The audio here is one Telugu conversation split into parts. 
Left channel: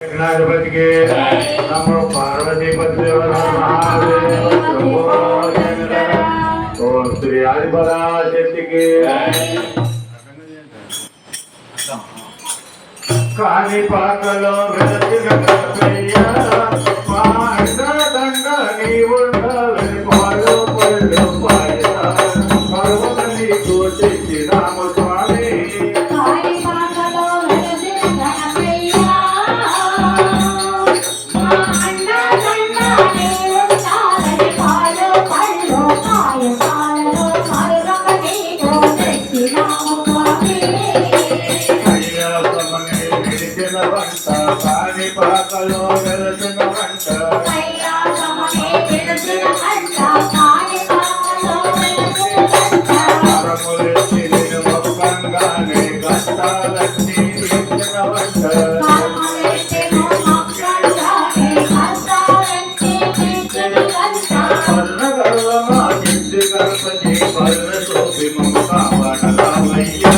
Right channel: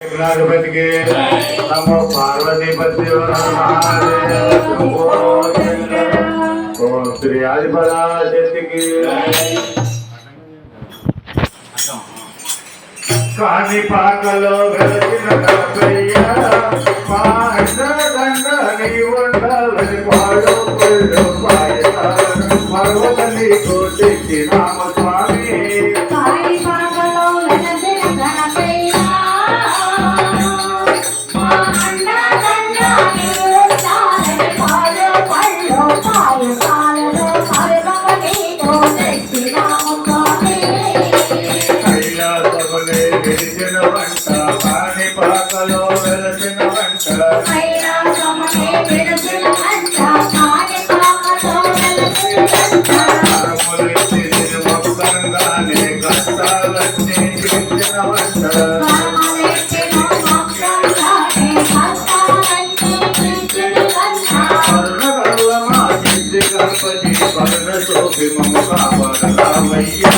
गणपति के नमो पार्वती पति ओम श्री आदिपराज की कानी पाकलो వెలసిన కపయ్య మాండదండ నీ ఉండాలని పాడు పళ్ళు పాయత మరవని కోటి రామ స్వామి కాని పాకలో వెలసిన కపయ్య మాండదండ నీ ఉండాలని పాడు పళ్ళు పాయతాలలో మరవని కోటి రామ స్వామి కాని పాకలో వెలసిన వంట మొక్కంగానే కష్టాలన్నీ తీర్చిన వంట పర్ణగల్లమా సిద్ధి గణపతి పర్ణ శోభి కాపాడరామయ్యా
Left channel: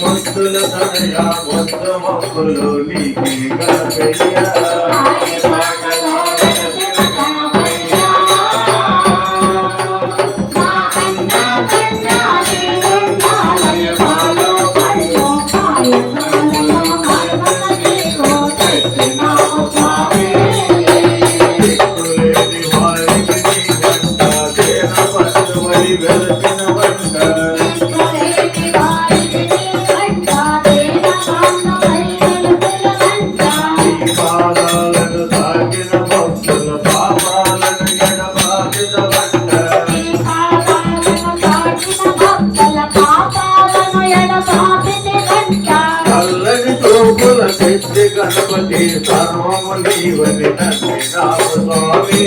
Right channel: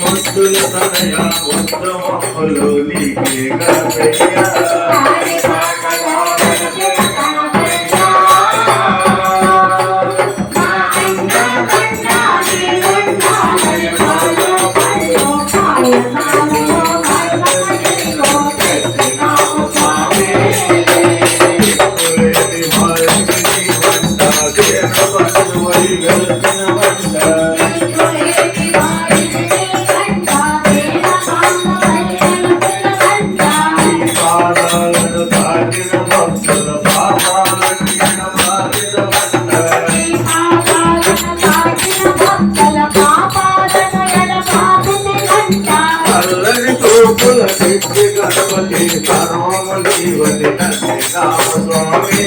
ముద్దుల తనయ ముద్ద మొక్కలు నీకే గణపయ్యా గణపతి సర్వముని వదిలి రామస్వామి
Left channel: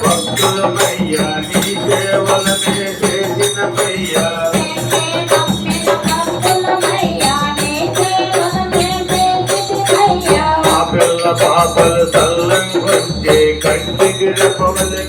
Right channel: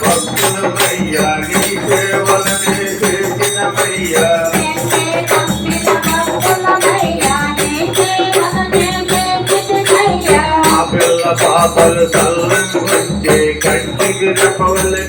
భక్తులమయ్యా నీ సేవలనే చేసిన మయ్యా పాపలు తల్లం కంటికి చెప్పవలె